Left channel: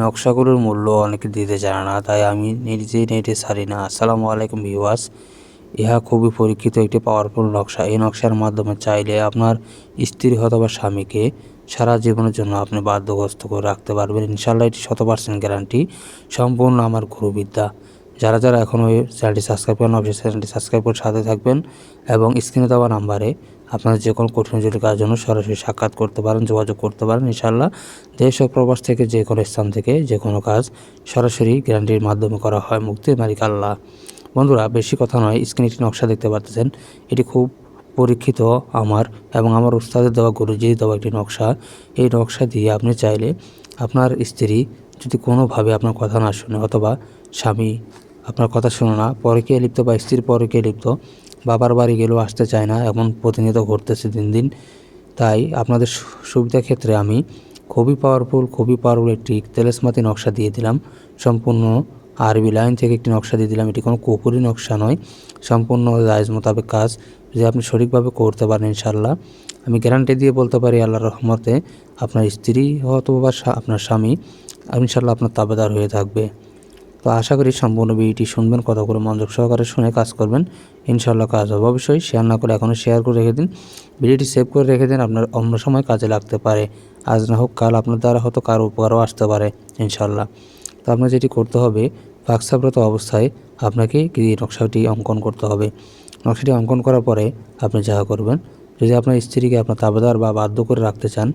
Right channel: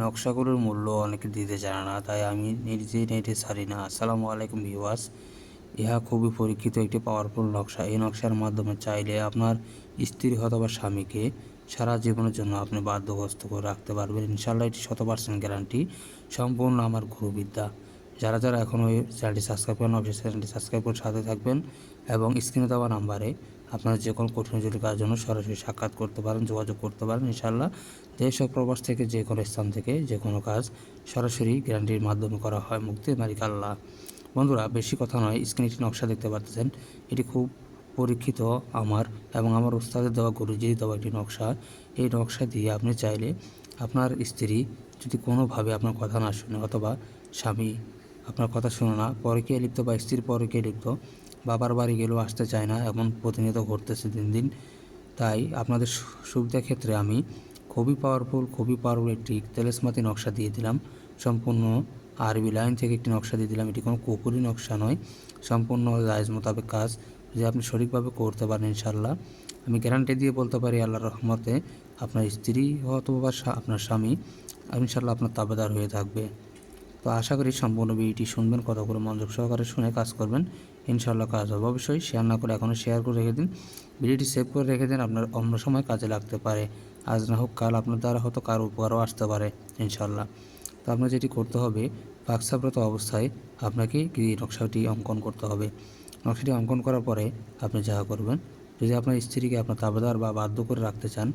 নকশাগুলোর মূল্য অনেকে দিতে জানে না, তাই আমি নিজেই নেটে ছাড়ি না। আসসালামু আলাইকুম ভিউয়ার্স। ইহা খুবই পরীক্ষিত একটি পাওয়ারফুল নকশা। এই নকশার মাধ্যমে চাইলে আপনার স্ত্রী অথবা স্বামীকে সারা জীবনের জন্য আপনি বাধ্যগ্রস্ত করে রাখতে পারবেন। ইনশাল্লাহ এটি শত পার্সেন্ট গ্যারান্টি। সম্পূর্ণ আমার গুরুবিদ্যা। যারা যারা এখনও চ্যানেলটি সাবস্ক্রাইব করেন অবশ্যই চ্যানেলটি সাবস্ক্রাইব করে সাথে থাকবেন এবং স্ক্রিনে দেওয়া নাম্বারে আপনার যে কোনো কঠিন জটিল কাজের জন্য সরাসরি সাক্ষাৎ করতে পারেন, যোগাযোগ করতে পারেন ইনশাল্লাহ দেশ প্রবাস থেকে যে কোনো স্থান থেকে যে কোনো কাজ সরাসরি গ্যারান্টির মাধ্যমে করা হয় মুক্তি মালিক আল্লাহ। বন্ধুরা, বেশি কথা নয়, স্ক্রিনে একটি নকশা দেখতে পাচ্ছেন। এটি খুব পরীক্ষিত আমার এবং আমার উস্তাদের দেওয়া গুরুজির দেওয়া একটি নকশা। এই নকশা দিয়ে আপনি চাইলে আপনার স্ত্রী যদি কোনোভাবে আপনার কথা না শুনে অথবা স্বামী আপনার কথা শুনে না পরকে লিপ্ত বা স্ত্রীর পরকে লিপ্ত বাবার বাড়ি গেলেও আসতে চায় না, এমন প্রতিনিয়ত ঘটতেছে দিন দিন। তাই আপনাদের সু- সুবিধার ক্ষেত্রে আমি খুবই পাওয়ারফুল খুবই পাওয়ারফুল একটি তেলেসমাতি নকশা দিয়ে দিলাম। সম্পূর্ণ আরবি লাইন থেকে একটি নকশা দিয়ে দিলাম। এটি কোনো কুপুরি নকশা নয়, সম্পূর্ণ জায়জ মোতাবেক কাজ। যদি আপনি সঠিকভাবে করতে পারেন ইনশাল্লাহ আমি গ্যারান্টি দিয়ে বলতে পারি আল্লাহ রহমতে আপনার স্ত্রী অথবা স্বা- আপনার স্বামী ইনশাল্লাহ আপনার তাবেদার হয়ে থাকবে। তো আশা করি সম্পূর্ণ ভিডিওটি শুনবেন করে মনোযোগ সহকারে শুনে কাজ করবেন। ইনশাল্লাহ কাজ হবে। অবশ্যই শেয়ার না করে এখনও শেয়ার করে রেখে দিন। ভিডিওটি সেভ করে রেখে দিন, আপনার অন্য সময় কাজে লাগতে পারে। আজ না হোক কাল আপনার দ্বারা হয়তো কারও উপকারও আসতে পারে ইনশাল্লাহ তো আপনার যেটি করতে হবে ফাঁকসাপ্রত অবস্থায় আপনাকে এই নকশাটি অঙ্কন করতে হবে। নকশাটি অঙ্কন করার পরে আপনি যা করবেন, যদি আপনার স্ত্রীকে আপনার তাবেদার বা বাধ্য করে রাখতে চান,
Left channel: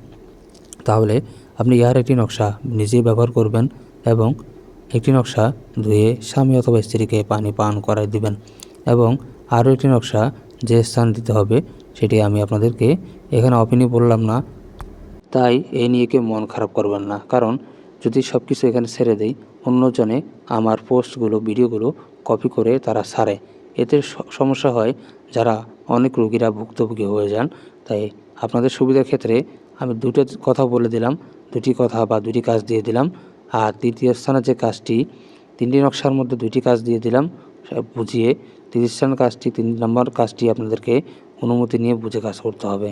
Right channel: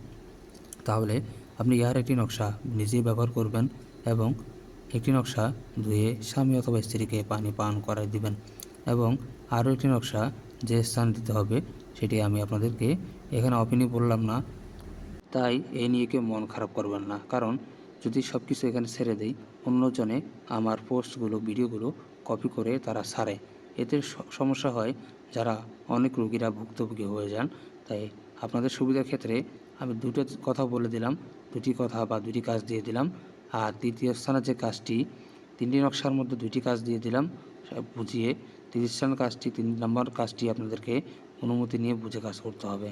তাহলে আপনি ইহার একটি নকশা নিজেই ব্যবহার করবেন এবং একটি নকশা ধুয়ে স্বামী অথবা স্ত্রীকে পানি পান করাই দিবেন এবং আরও একটি নকশা যে স্থান দিতে হবে সেটি আমি আপনাদেরকে এখানে অপিনি বললাম না। তাই এই নিয়ে কেউ মন খারাপ করবেন না। কারণ যদি সব কিছু এখানে ছেড়ে দেই, অন্যজনে আমার পোস্টগুলো, ভিডিওগুলো কপি করে তারা সারে। এতে সমস্যা হয় যারা অনেক রোগীরা ভুক্তভোগী হয়ে যান। তাই আপনাদের সুবিধার ক্ষেত্রে আমি দুটো কথা বলে দিলাম, দুটি কথা বা দুটি কাজ দিয়ে দিলাম। আর তৃতীয় স্থানে যে কাজটি, তিনটি নকশার মধ্যে দুইটি কাজ দিয়ে দিলাম বুঝিয়ে। তৃতীয় স্থান কাজটি, তিন নম্বর কাজটি আপনাদেরকে অনুমতি নিয়ে বুঝে কাজ করতে হবে।